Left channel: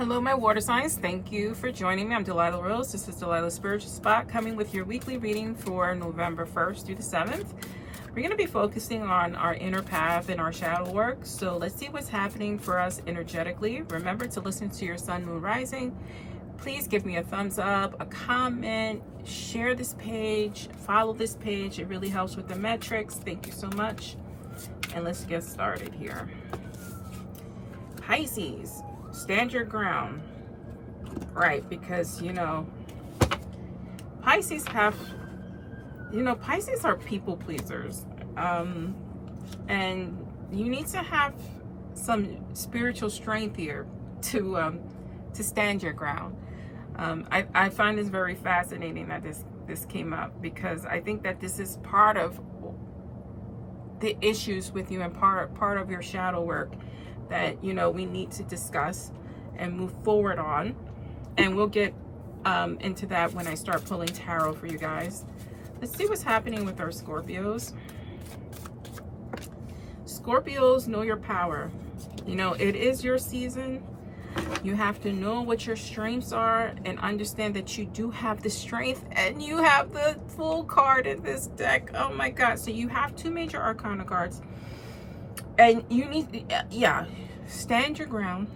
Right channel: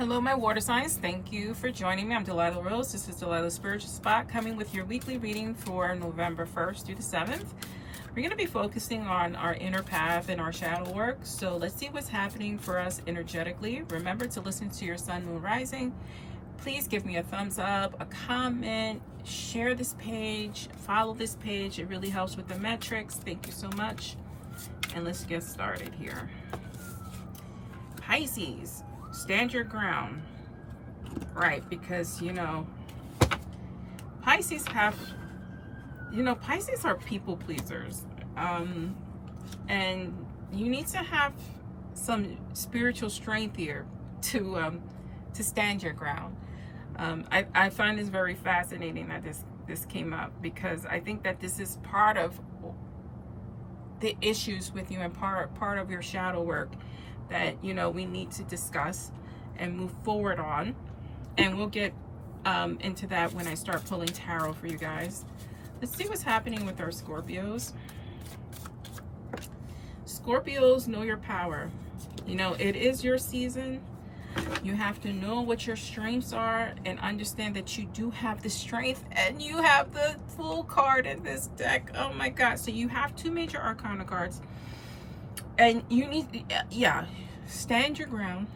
Hello, my water signs. Thank you for joining me. I'm Delilah Rose. This is Delilah's Spiritual Spot, coming with your weekly reading for November 1st through the 7th. We're going to be focusing on our inner path and our shadow work. So let's see what's happening for us energetically. Remember to listen to your sun, moon, rising. Please give me a thumbs up, a comment, share this page, follow this page. It really helps with the metrics. Thank you so much. And let's get started here. Pisces. Stand your ground, right? Because, Pisces Pisces are people pleasers. And you need to have some spiritual strength here to stand your ground. I find this very fascinating that this came up, because I think that this is part of the issues with you and part of your shadow work that we need to discuss and move forward on, and we'll get into that when I start pulling tarot for you guys. Let's see what's happening with our Scorpios. Scorpios, know your power. It is your season. You have to know what your strengths are and understand that you do have the strength, and you have the full card in this deck. Oh my God. So you have two major arcana cards, and you need, stand your ground.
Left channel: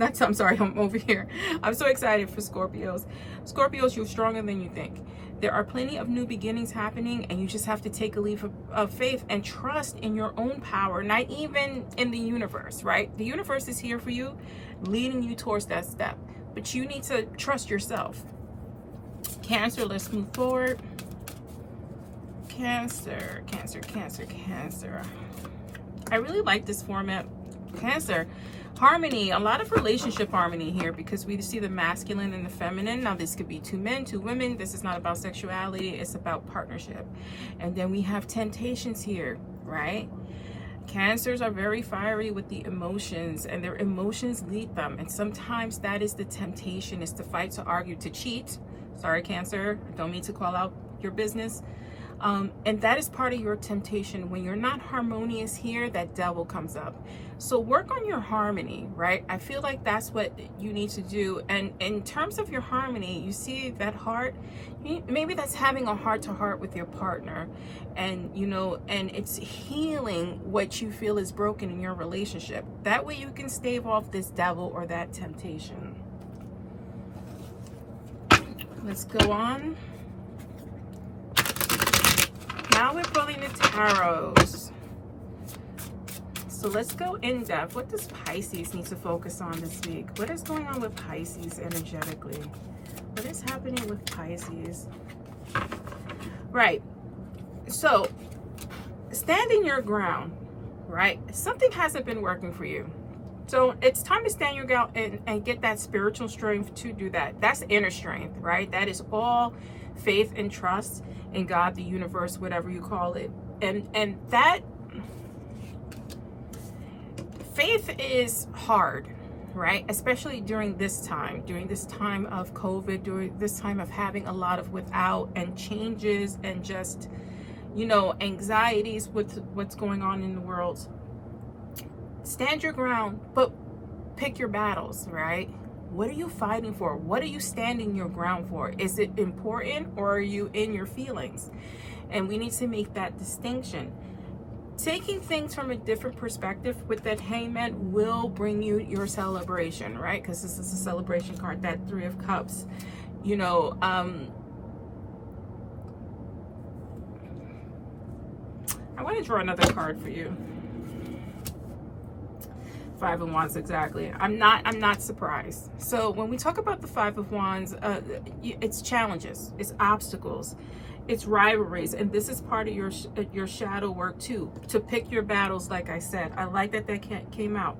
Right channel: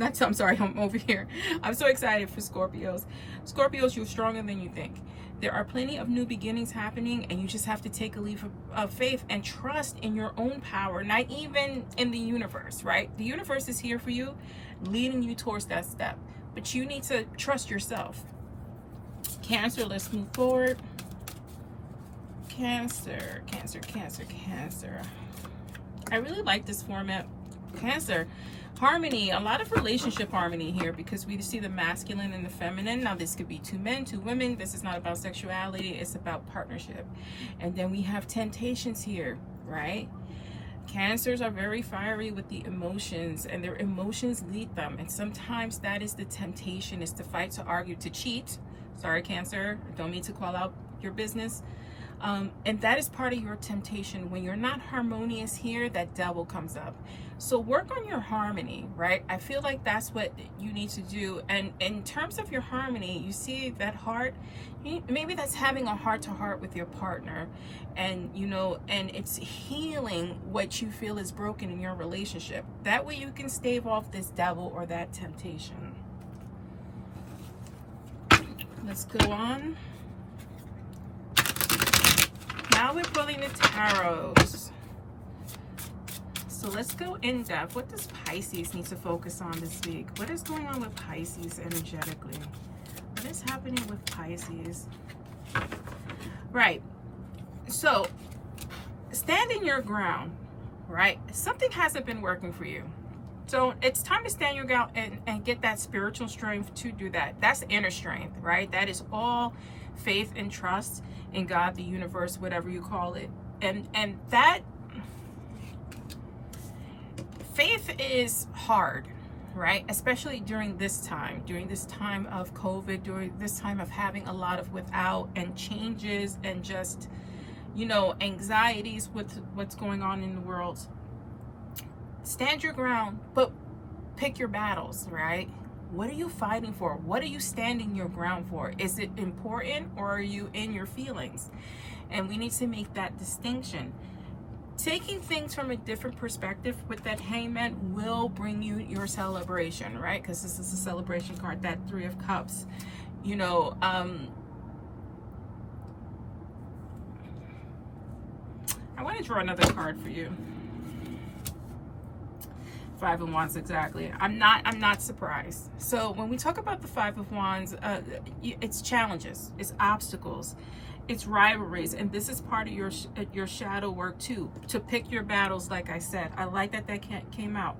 I'm sorry, I'm over here. I'm so excited for Scorpios. Scorpios, you're stronger than you think. There are plenty of new beginnings happening, and you just have to take a leap of faith and trust in your own power, not even in the universe, right? The universe is here for you, leading you towards that step, but you need to trust yourself. Cancer, let's move forward. Cancer. I really like this format. Cancer, harmony, a lot of relationship harmony here, because we see the masculine and the feminine. Now this could be two men, two women. This is not about sexuality, it's about partnership. And then we have temptations here, right? Cancers are very fiery with the emotions, and their emotions lead them, and sometimes that is the temptation, is to fight, to argue, to cheat. Sorry, Cancer, I don't mean to call out your business. And that is part of your temptation. When you're not harmonious here, that devil comes up. So work on your harmony, right? I feel like that's what you need to do. And in terms of your harmony, you see that heart, maybe that's having a heart-to-heart with your partner, and and it's healing what you feel is broken in your relationship. That way you can stave off this devil or that temptation. Let's go on. Now we're pulling the tarots. So let's go in depth. What does Pisces need to focus on this week? What is going on with Pisces energetically? What is happening with Pisces? Right. So standing your ground, right? Something hasn't been working for you. So it's time to stand your ground and get that spiritual strength to do that. That's inner strength, right? That is all faith and trust in God, the universe, whatever you call it. And that faith is hard, right? Especially during this time of COVID, during this time of having a lot of without and changes and just, anxieties with what's going on in the world. Stand your ground, but pick your battles, right? What are you fighting for? What are you standing your ground for? Is it important, or are you in your feelings? And we need to make that distinction. Taking things from a different perspective with that Hangman will bring you your celebration, right? Because this is a celebration card, that Three of Cups. I want to draw another card for you. Five of Wands, exactly. I'm not surprised. So when we talk about the Five of Wands, it's challenges, it's obstacles, it's rivalries, and this is part of your shadow work too, to pick your battles. Like I said, I like that came out.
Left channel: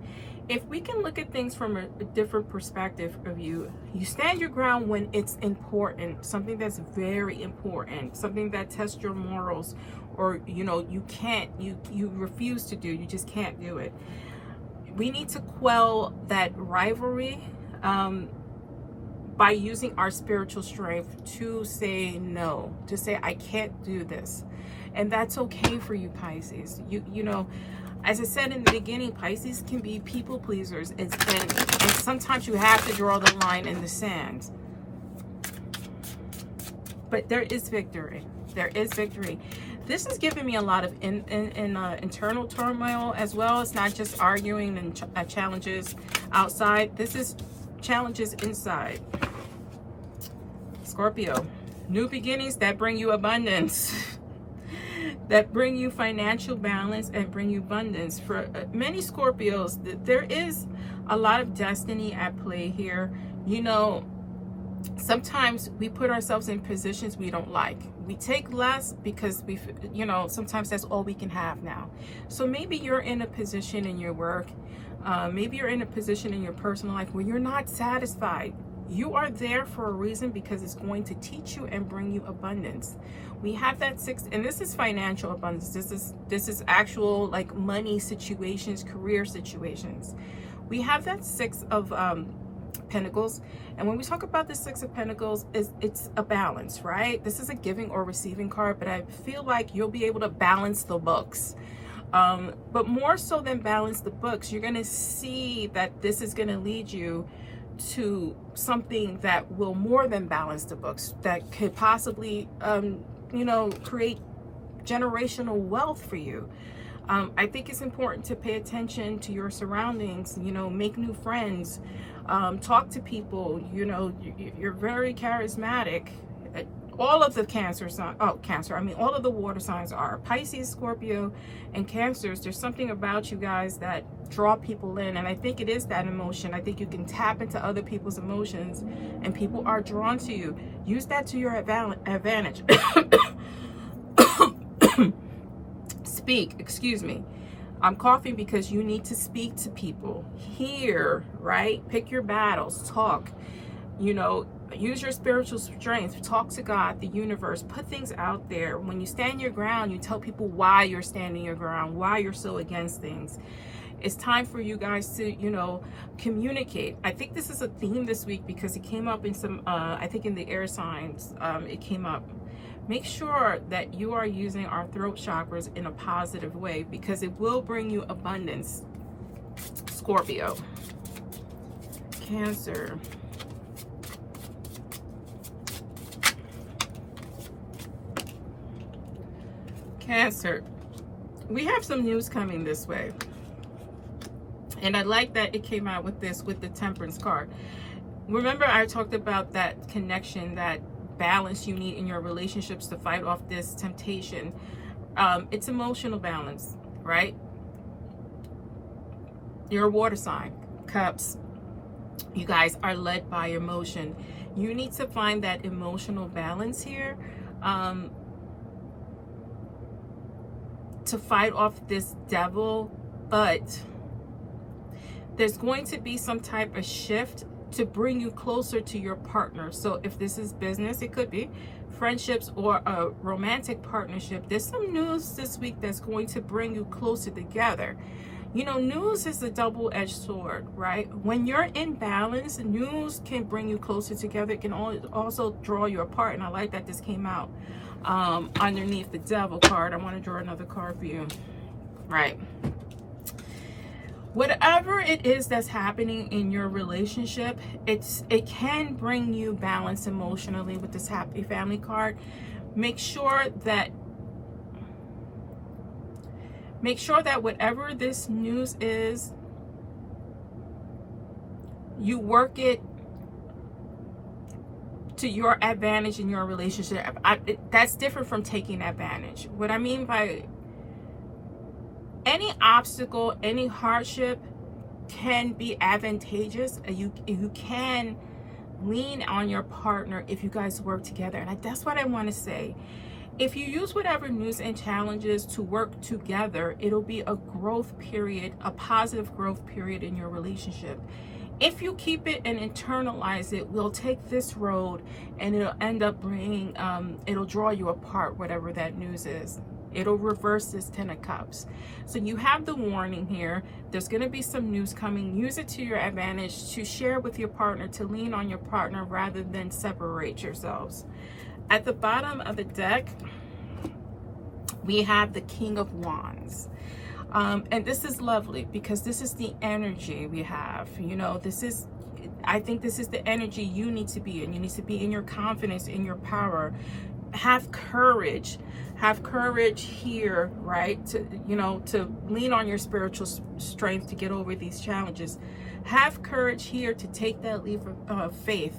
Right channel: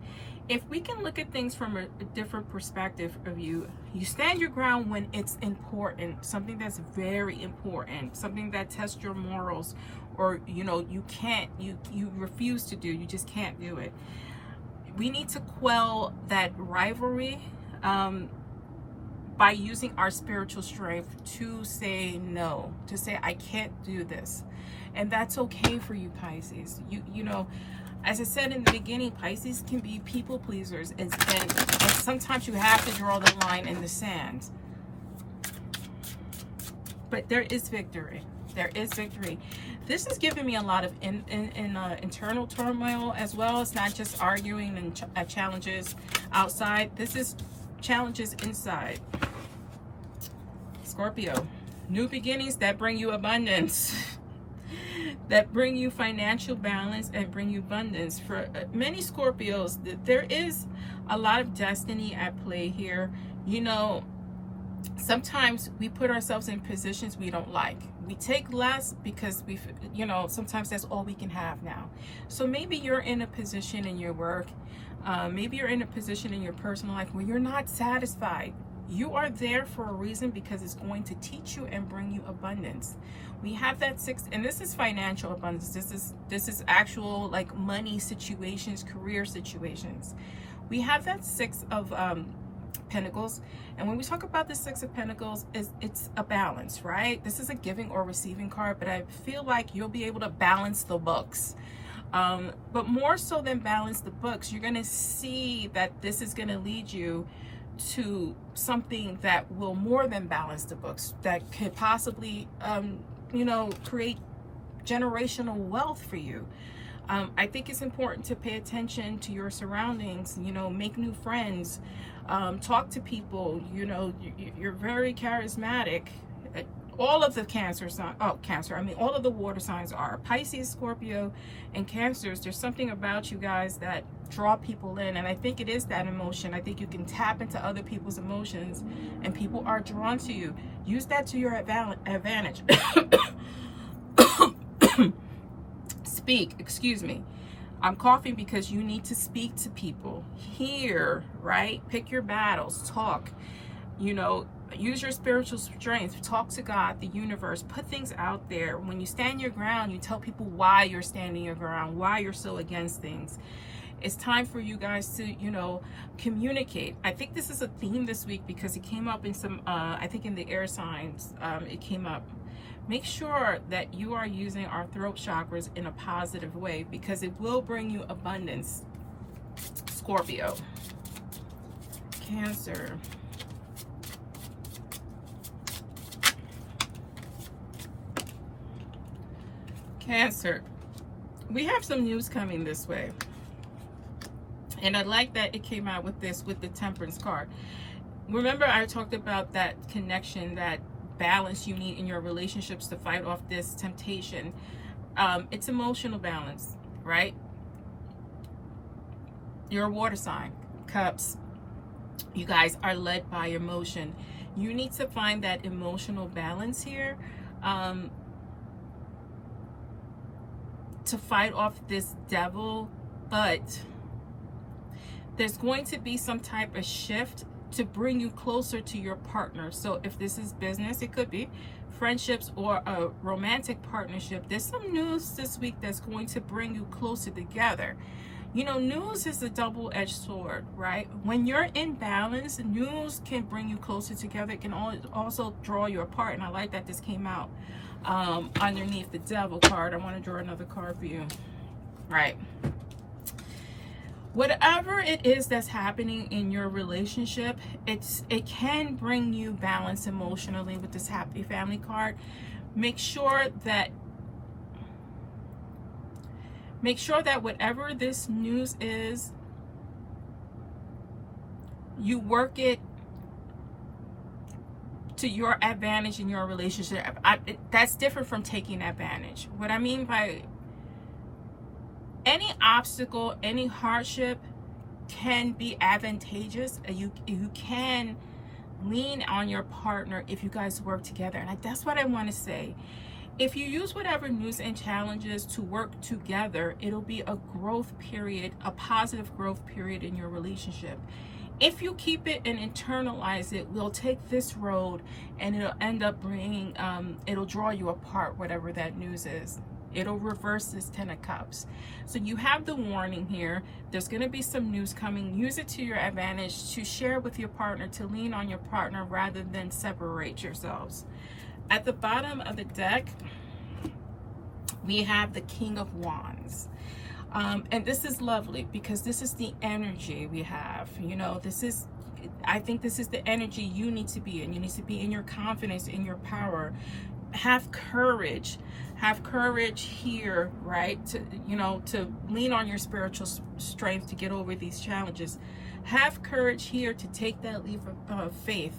If we can look at things from a different perspective of you stand your ground when it's important, something that's very important, something that tests your morals, or you refuse to do, you just can't do it. We need to quell that rivalry by using our spiritual strength to say no, to say I can't do this. And that's okay for you, Pisces. As I said in the beginning, Pisces can be people pleasers, and sometimes you have to draw the line in the sand. But there is victory. There is victory. This is giving me a lot of internal turmoil as well. It's not just arguing and challenges outside. This is challenges inside. Scorpio, new beginnings that bring you abundance. That bring you financial balance and bring you abundance. For many Scorpios, there is a lot of destiny at play here. You know, sometimes we put ourselves in positions we don't like. We take less because sometimes that's all we can have now. So maybe you're in a position in your work, maybe you're in a position in your personal life where you're not satisfied. You are there for a reason, because it's going to teach you and bring you abundance. We have that 6, and this is financial abundance. This is actual like money situations, career situations. We have that 6 of Pentacles, and when we talk about the 6 of Pentacles, it's a balance, right? This is a giving or receiving card, but I feel like you'll be able to balance the books. But more so than balance the books, you're going to see that this is going to lead you to something that will more than balance the books, that could possibly create generational wealth for you. I think it's important to pay attention to your surroundings, make new friends, talk to people. You're very charismatic. All of the all of the water signs are Pisces, Scorpio, and Cancers. There's something about you guys that draw people in, and I think it is that emotion. I think you can tap into other people's emotions, and people are drawn to you. Use that to your advantage. Excuse me. I'm coughing because you need to speak to people. Hear, right? Pick your battles. Talk. Use your spiritual strength. Talk to God, the universe. Put things out there. When you stand your ground, you tell people why you're standing your ground, why you're so against things. It's time for you guys to, communicate. I think this is a theme this week because it came up in some, I think in the air signs, it came up. Make sure that you are using our throat chakras in a positive way, because it will bring you abundance. Scorpio, Cancer, Cancer. We have some news coming this way. And I like that it came out with the Temperance card. Remember, I talked about that connection, that balance you need in your relationships to fight off this temptation. It's emotional balance, right? You're a water sign, Cups. You guys are led by emotion. You need to find that emotional balance here to fight off this devil, but there's going to be some type of shift to bring you closer to your partner. So if this is business, it could be friendships or a romantic partnership. There's some news this week that's going to bring you closer together. News is a double-edged sword, right? When you're in balance, news can bring you closer together. It can also draw you apart. And I like that this came out underneath the devil card. I want to draw another card for you. Right. Whatever it is that's happening in your relationship, it can bring you balance emotionally with this happy family card. Make sure that whatever this news is, you work it to your advantage in your relationship. That's different from taking advantage. What I mean by any obstacle, any hardship can be advantageous, and you can lean on your partner if you guys work together. And that's what I want to say. If you use whatever news and challenges to work together, it'll be a growth period, a positive growth period in your relationship. If you keep it and internalize it, we'll take this road and it'll end up bringing, it'll draw you apart, whatever that news is. It'll reverse this 10 of Cups. So you have the warning here. There's going to be some news coming. Use it to your advantage to share with your partner, to lean on your partner rather than separate yourselves. At the bottom of the deck, we have the King of Wands. And this is lovely because this is the energy we have. You know, I think this is the energy you need to be in. You need to be in your confidence, in your power. Have courage. Have courage here, right? To, you know, to lean on your spiritual strength to get over these challenges. Have courage here to take that leap of faith,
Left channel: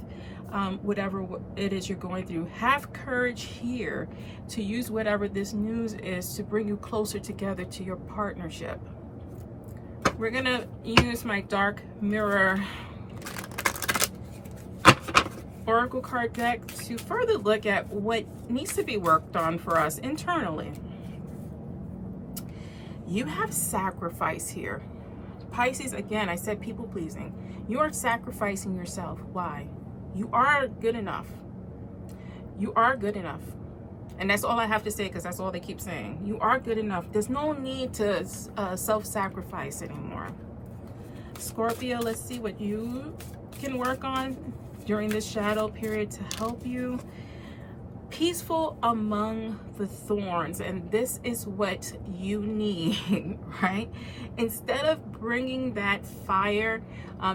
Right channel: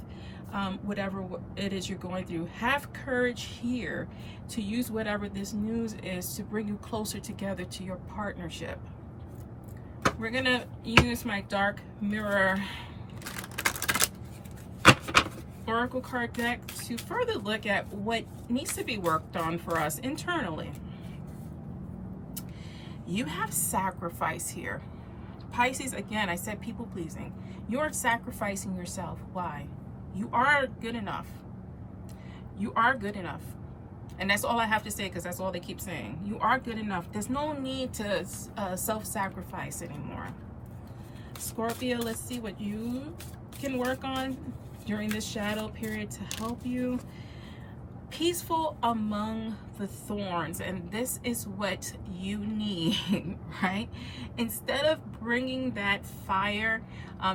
whatever it is you're going through. Have courage here to use whatever this news is to bring you closer together to your partnership. We're going to use my dark mirror oracle card deck to further look at what needs to be worked on for us internally. You have sacrifice here. Pisces, again, I said people pleasing. You are sacrificing yourself. Why? You are good enough. You are good enough. And that's all I have to say, because that's all they keep saying. You are good enough. There's no need to self-sacrifice anymore. Scorpio, let's see what you can work on during this shadow period to help you. Peaceful among the thorns, and this is what you need, right? Instead of bringing that fire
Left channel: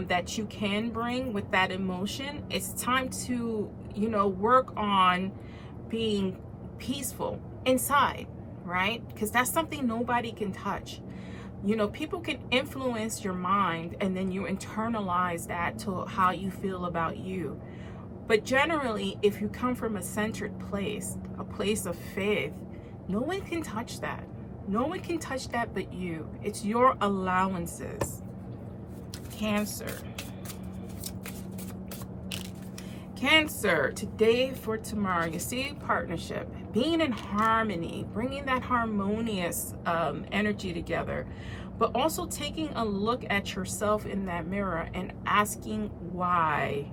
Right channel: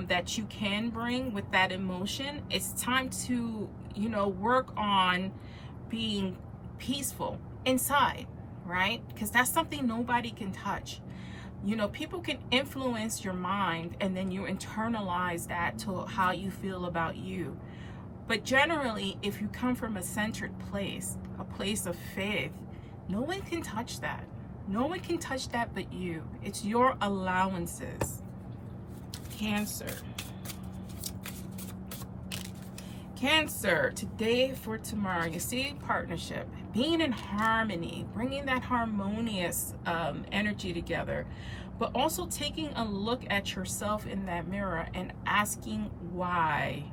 that you can bring with that emotion, it's time to, you know, work on being peaceful inside, right? Because that's something nobody can touch. You know, people can influence your mind, and then you internalize that to how you feel about you. But generally, if you come from a centered place, a place of faith, no one can touch that. No one can touch that but you. It's your allowances. Cancer. Cancer, today for tomorrow. You see, partnership, being in harmony, bringing that harmonious energy together, but also taking a look at yourself in that mirror and asking why.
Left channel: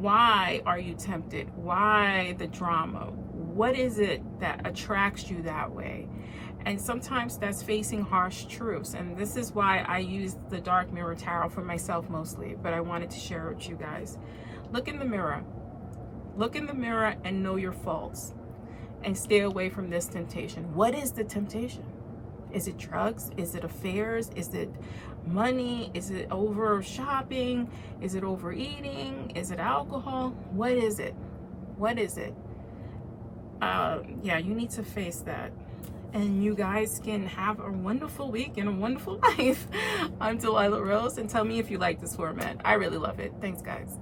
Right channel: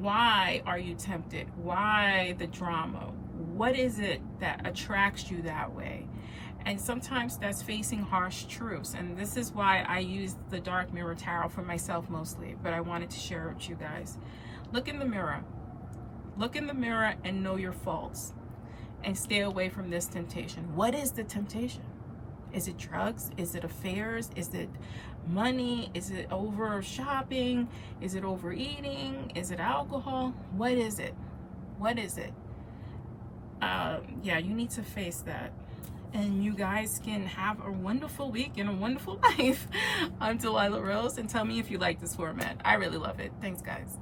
Why are you tempted? Why the drama? What is it that attracts you that way? And sometimes that's facing harsh truths. And this is why I use the Dark Mirror Tarot for myself mostly, but I wanted to share it with you guys. Look in the mirror. Look in the mirror and know your faults. And stay away from this temptation. What is the temptation? Is it drugs? Is it affairs? Is it money? Is it over shopping? Is it overeating? Is it alcohol? What is it? What is it? Yeah, you need to face that. And you guys can have a wonderful week and a wonderful life. I'm Delilah Rose, and tell me if you like this format. I really love it. Thanks, guys.